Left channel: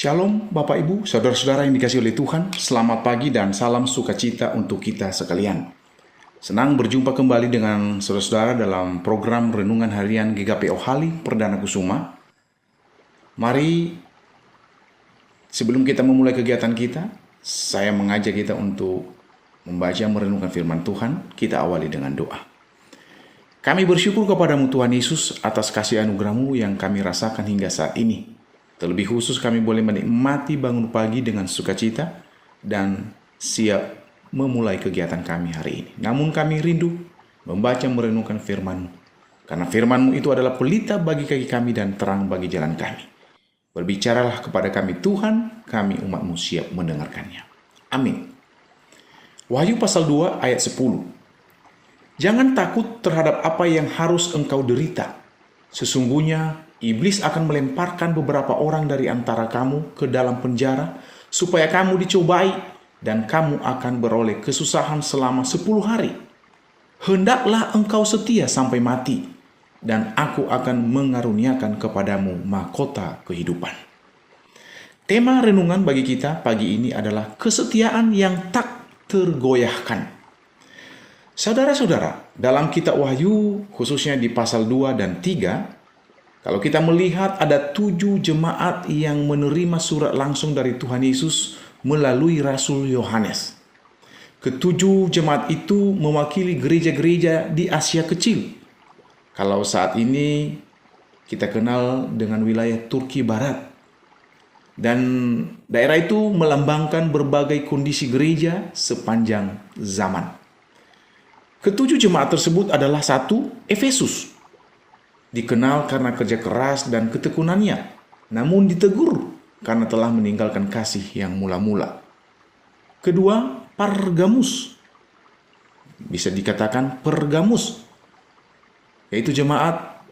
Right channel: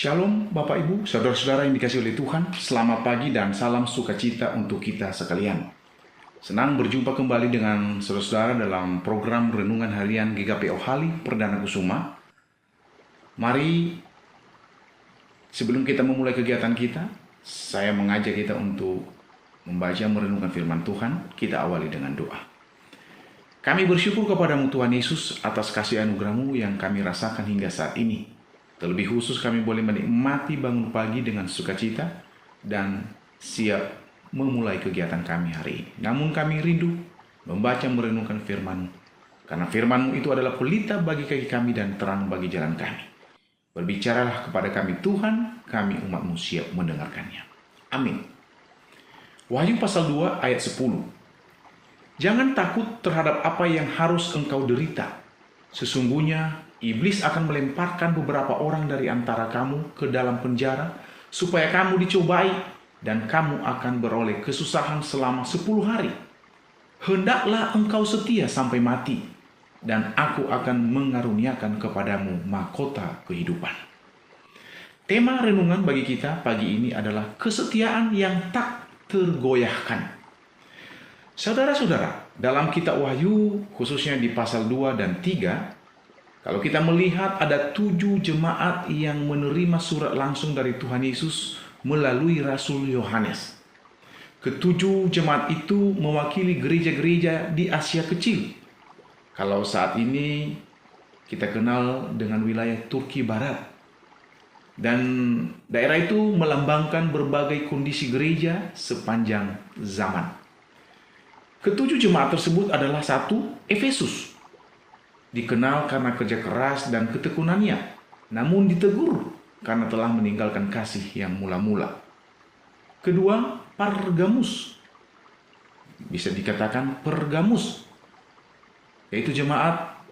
Shalom Bapak Ibu, Saudara-saudara yang dikasihi oleh Tuhan. Selamat pagi dan salam sukacita untuk kita sekalian. Senang berjumpa kembali dengan saudara-saudara dalam program Renungan Harian GKP Ohali Perdana Kusuma. Mari sebelum kita memulai kegiatan kita, saya mengajak kita untuk membaca merenungkan firman Tuhan. Kita awali dengan doa. Kami bersyukur kepadamu Tuhan Yesus atas kasih anugerah-Mu yang kami rasakan hingga saat ini. Terlebih khusus kami boleh menikmati bangun pagi dengan sukacita dan siap memulai kegiatan kami hari ini. Namun kami rindu membaca merenungkan firman-Mu. Karena firman-Mu itu adalah pelita bagi kaki kami dan terang bagi jalan kami. Berbicaralah kepada kami Tuhan, kami umat-Mu siap mendengarkannya. Amin. Wahyu pasal 2 ayat 10. Jangan takut terhadap apa yang harus engkau derita. Sesungguhnya iblis akan melemparkan beberapa orang dari antara kamu ke dalam penjara supaya kamu dicobai dan kamu akan beroleh kesusahan selama 10 hari. Hendaklah engkau setia sampai mati dan aku akan mengaruniakan kepadamu mahkota kehidupan. Tema renungan bagi kita pagi ini adalah kesetiaan yang tak tergoyahkan. Saudara-saudara, dalam kitab Wahyu khususnya di pasal 2 dan 3, kalau kita melihat ada 7 jemaat yang menerima surat langsung dari Tuhan Yesus melalui Rasul Yohanes. Ketujuh jemaat itu mewakili gereja-gereja di Asia Kecil. Kalau saat ini kita kenal dengan wilayah Turki Barat. Dan daerah itu melambangkan berbagai kondisi gereja sepanjang zaman. Ketujuh jemaat tersebut adalah 1. Efesus. Dikenal karena kerja keras dan ketekunannya, namun ditegur karena telah meninggalkan kasih yang mula-mula. 2. Pergamus. Bisa dikatakan Pergamus, yaitu jemaat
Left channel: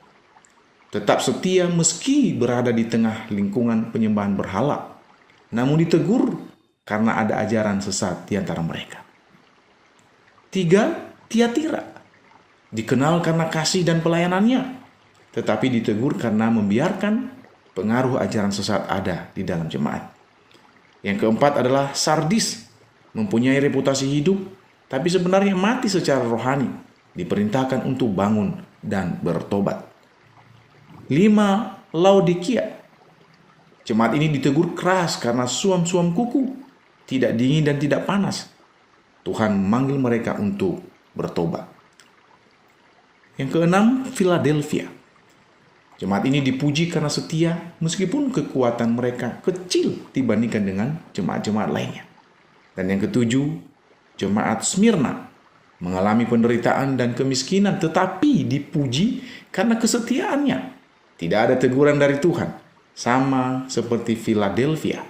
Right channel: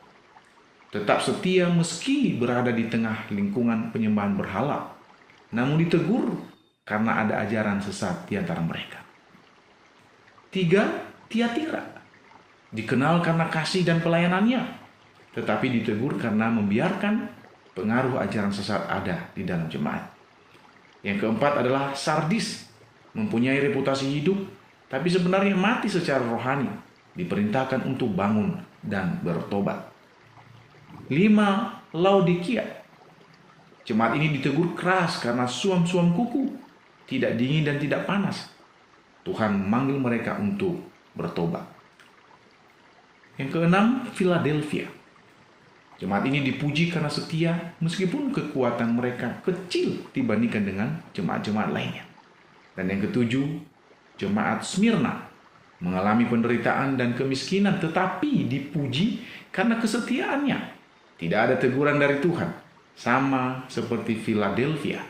tetap setia meski berada di tengah lingkungan penyembahan berhala, namun ditegur karena ada ajaran sesat di antara mereka. 3. Tiatira. Dikenal karena kasih dan pelayanannya, tetapi ditegur karena membiarkan pengaruh ajaran sesat ada di dalam jemaat. Yang keempat adalah Sardis, mempunyai reputasi hidup, tapi sebenarnya mati secara rohani, diperintahkan untuk bangun dan bertobat. 5. Laodikia. Jemaat ini ditegur keras karena suam-suam kuku, tidak dingin dan tidak panas. Tuhan memanggil mereka untuk bertobat. Yang keenam, Philadelphia. Jemaat ini dipuji karena setia meskipun kekuatan mereka kecil dibandingkan dengan jemaat-jemaat lainnya. Dan yang ketujuh, jemaat Smyrna mengalami penderitaan dan kemiskinan tetapi dipuji karena kesetiaannya. Tidak ada teguran dari Tuhan, sama seperti Philadelphia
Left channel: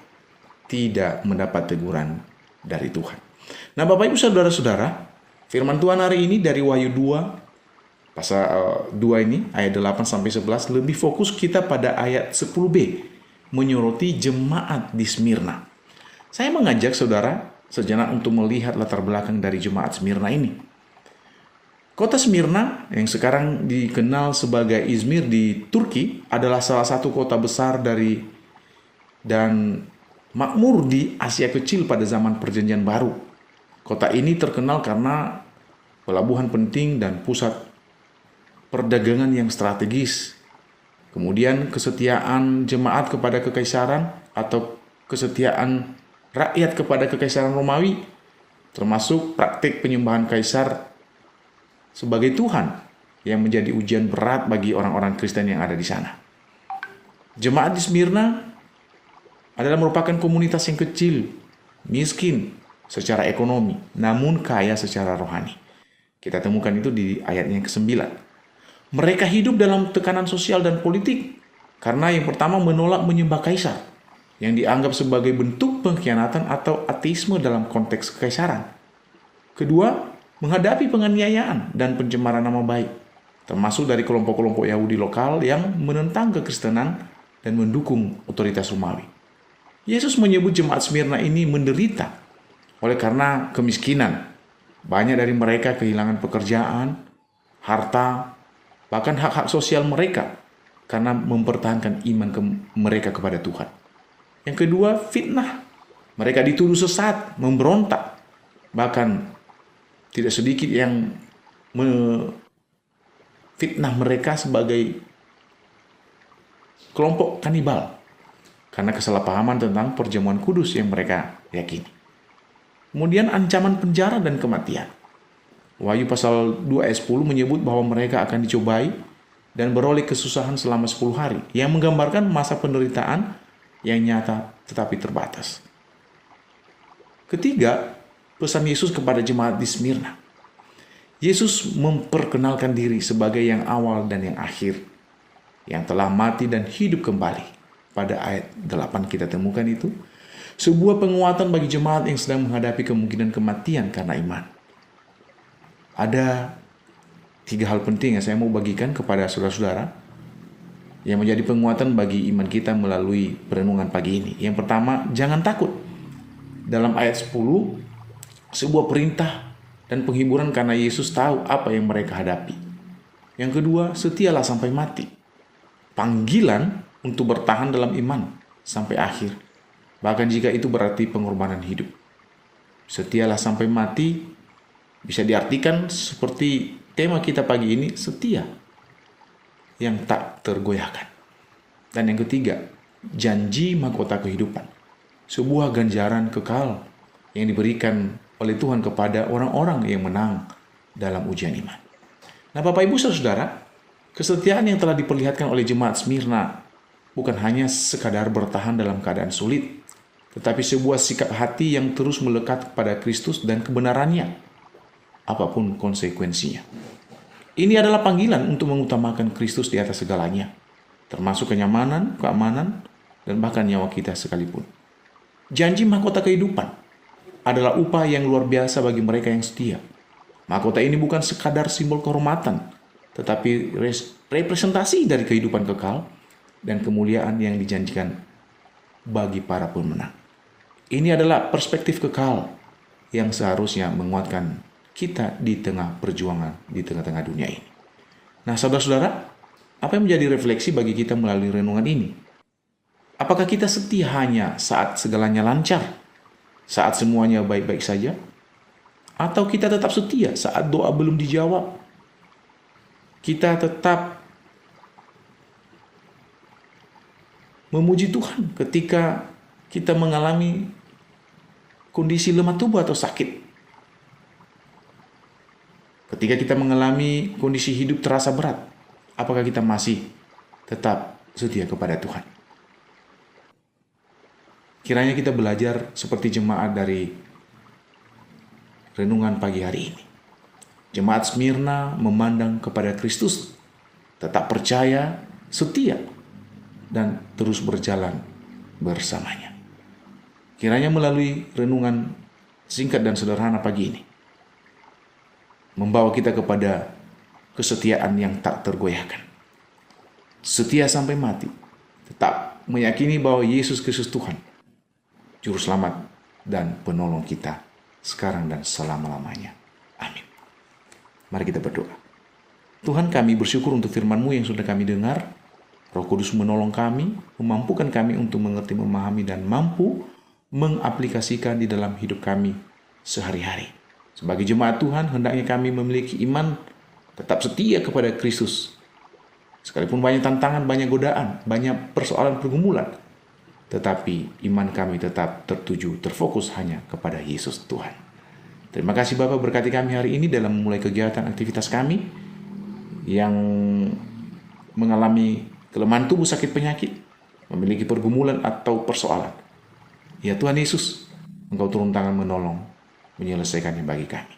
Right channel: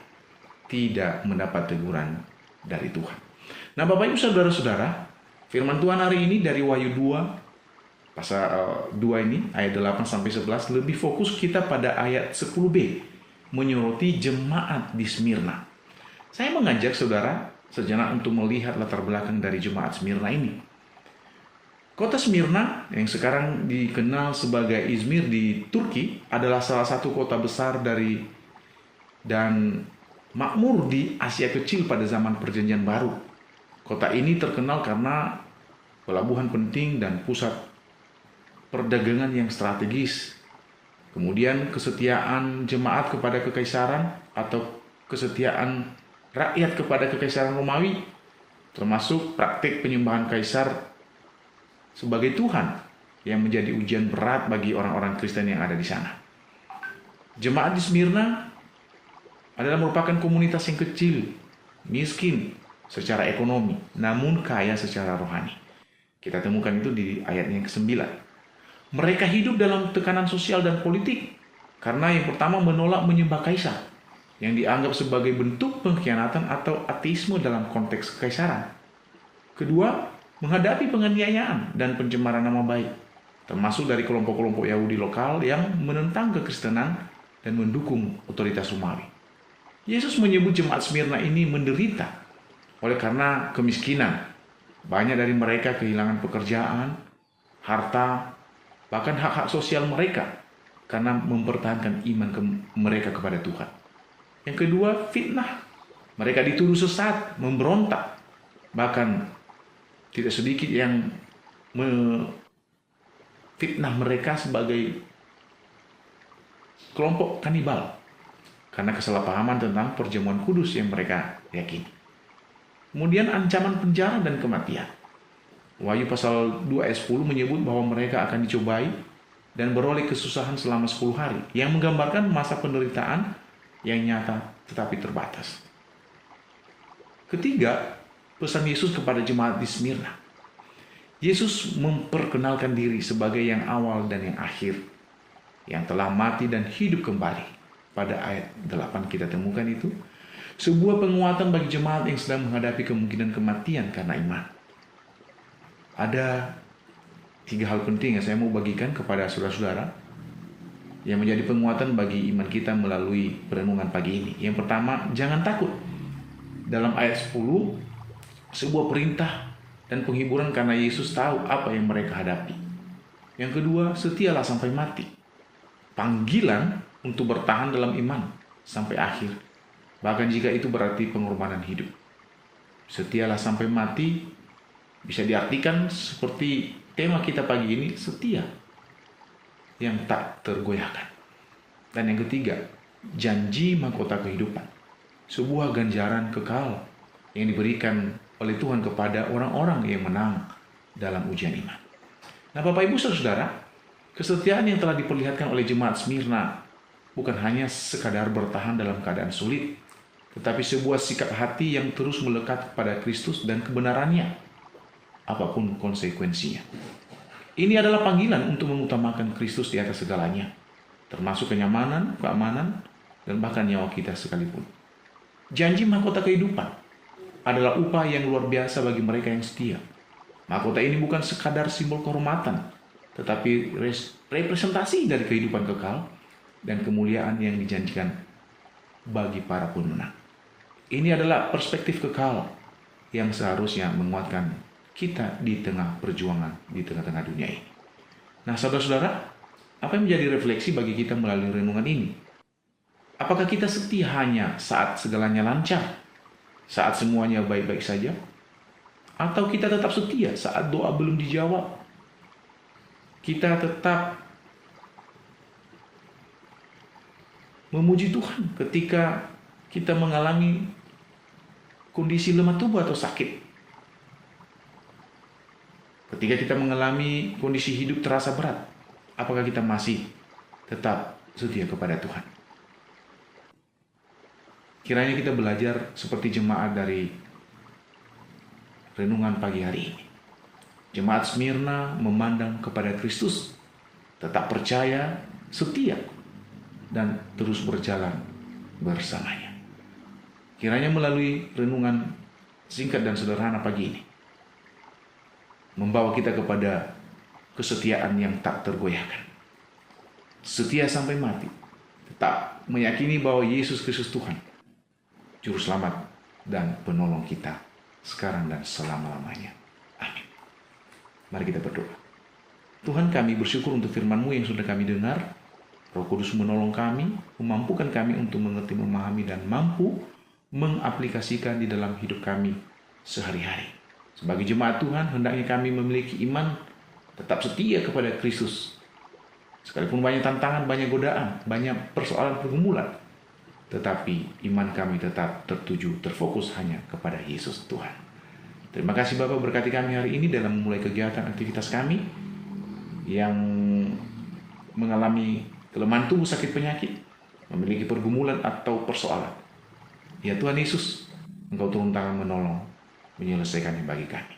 tidak mendapat teguran dari Tuhan. Nah, Bapak Ibu Saudara-saudara, firman Tuhan hari ini dari Wahyu 2 pasal 2 ini ayat 8 sampai 11 lebih fokus kita pada ayat 10b, menyoroti jemaat di Smyrna. Saya mengajak saudara sejenak untuk melihat latar belakang dari jemaat Smyrna ini. Kota Smyrna yang sekarang dikenal sebagai Izmir di Turki adalah salah satu kota besar dan makmur di Asia Kecil pada zaman Perjanjian Baru. Kota ini terkenal karena pelabuhan penting dan pusat perdagangan yang strategis. Kemudian kesetiaan jemaat kepada kekaisaran atau kesetiaan rakyat kepada kekaisaran Romawi, termasuk praktik penyembahan kaisar sebagai Tuhan yang menjadi ujian berat bagi orang-orang Kristen yang ada di sana. Jemaat di Smyrna adalah merupakan komunitas yang kecil, miskin secara ekonomi, namun kaya secara rohani. Kita temukan itu di ayatnya ke-9. Mereka hidup dalam tekanan sosial dan politik karena yang pertama menolak menyembah kaisar yang dianggap sebagai bentuk pengkhianatan atau ateisme dalam konteks kekaisaran. Kedua, menghadapi penganiayaan dan pencemaran nama baik, termasuk dari kelompok-kelompok Yahudi lokal yang menentang kekristenan dan mendukung otoritas Romawi. Yesus menyebut jemaat Smyrna ini menderita oleh karena kemiskinan. Banyak dari mereka kehilangan pekerjaan, harta, bahkan hak-hak sosial mereka karena mempertahankan iman mereka kepada Tuhan. Yang kedua, fitnah. Mereka dituduh sesat, memberontak. Bahkan tidak sedikit yang fitnah mereka sebagai kelompok kanibal karena kesalahpahaman tentang perjamuan kudus yang mereka yakini. Kemudian ancaman penjara dan kematian. Wahyu pasal 2 ayat 10 menyebut bahwa mereka akan dicobai dan beroleh kesusahan selama 10 hari, yang menggambarkan masa penderitaan yang nyata tetapi terbatas. Ketiga, pesan Yesus kepada jemaat di Smyrna. Yesus memperkenalkan diri sebagai yang awal dan yang akhir, yang telah mati dan hidup kembali. Pada ayat 8 kita temukan itu, sebuah penguatan bagi jemaat yang sedang menghadapi kemungkinan kematian karena iman. Ada 3 hal penting yang saya mau bagikan kepada saudara-saudara yang menjadi penguatan bagi iman kita melalui perenungan pagi ini. Yang pertama, jangan takut. Dalam ayat 10, sebuah perintah dan penghiburan karena Yesus tahu apa yang mereka hadapi. Yang kedua, setialah sampai mati. Panggilan untuk bertahan dalam iman sampai akhir, bahkan jika itu berarti pengorbanan hidup. Setialah sampai mati bisa diartikan seperti tema kita pagi ini, setia yang tak tergoyahkan. Dan yang ketiga, janji mahkota kehidupan, sebuah ganjaran kekal yang diberikan oleh Tuhan kepada orang-orang yang menang dalam ujian iman. Nah, Bapak Ibu Saudara, kesetiaan yang telah diperlihatkan oleh jemaat Smyrna bukan hanya sekadar bertahan dalam keadaan sulit, tetapi sebuah sikap hati yang terus melekat kepada Kristus dan kebenarannya, apapun konsekuensinya. Ini adalah panggilan untuk mengutamakan Kristus di atas segalanya, termasuk kenyamanan, keamanan, dan bahkan nyawa kita sekalipun. Janji mahkota kehidupan adalah upah yang luar biasa bagi mereka yang setia. Mahkota ini bukan sekadar simbol kehormatan, tetapi representasi dari kehidupan kekal dan kemuliaan yang dijanjikan bagi para pemenang. Ini adalah perspektif kekal yang seharusnya menguatkan kita di tengah perjuangan di tengah-tengah dunia ini. Nah, saudara-saudara, apa yang menjadi refleksi bagi kita melalui renungan ini? Apakah kita setia hanya saat segalanya lancar, saat semuanya baik-baik saja? Atau kita tetap setia saat doa belum dijawab? Kita tetap memuji Tuhan ketika kita mengalami kondisi lemah tubuh atau sakit. Ketika kita mengalami kondisi hidup terasa berat, apakah kita masih tetap setia kepada Tuhan? Kiranya kita belajar seperti jemaat dari renungan pagi hari ini. Jemaat Smyrna memandang kepada Kristus, tetap percaya, setia, dan terus berjalan bersamanya. Kiranya melalui renungan singkat dan sederhana pagi ini, membawa kita kepada kesetiaan yang tak tergoyahkan. Setia sampai mati, tetap meyakini bahwa Yesus Kristus Tuhan, Juru Selamat dan Penolong kita sekarang dan selama-lamanya. Amin. Mari kita berdoa. Tuhan, kami bersyukur untuk firman-Mu yang sudah kami dengar. Roh Kudus menolong kami, memampukan kami untuk mengerti, memahami, dan mampu mengaplikasikan di dalam hidup kami sehari-hari. Sebagai jemaat Tuhan, hendaknya kami memiliki iman tetap setia kepada Kristus. Sekalipun banyak tantangan, banyak godaan, banyak persoalan pergumulan, tetapi iman kami tetap tertuju, terfokus hanya kepada Yesus Tuhan. Terima kasih Bapak, berkati kami hari ini dalam memulai kegiatan aktivitas kami yang mengalami kelemahan tubuh, sakit penyakit, memiliki pergumulan atau persoalan. Ya Tuhan Yesus, Engkau turun tangan menolong, menyelesaikannya bagi kami.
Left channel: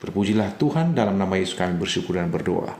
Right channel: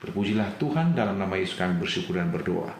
Terpujilah Tuhan, dalam nama Yesus kami bersyukur dan berdoa.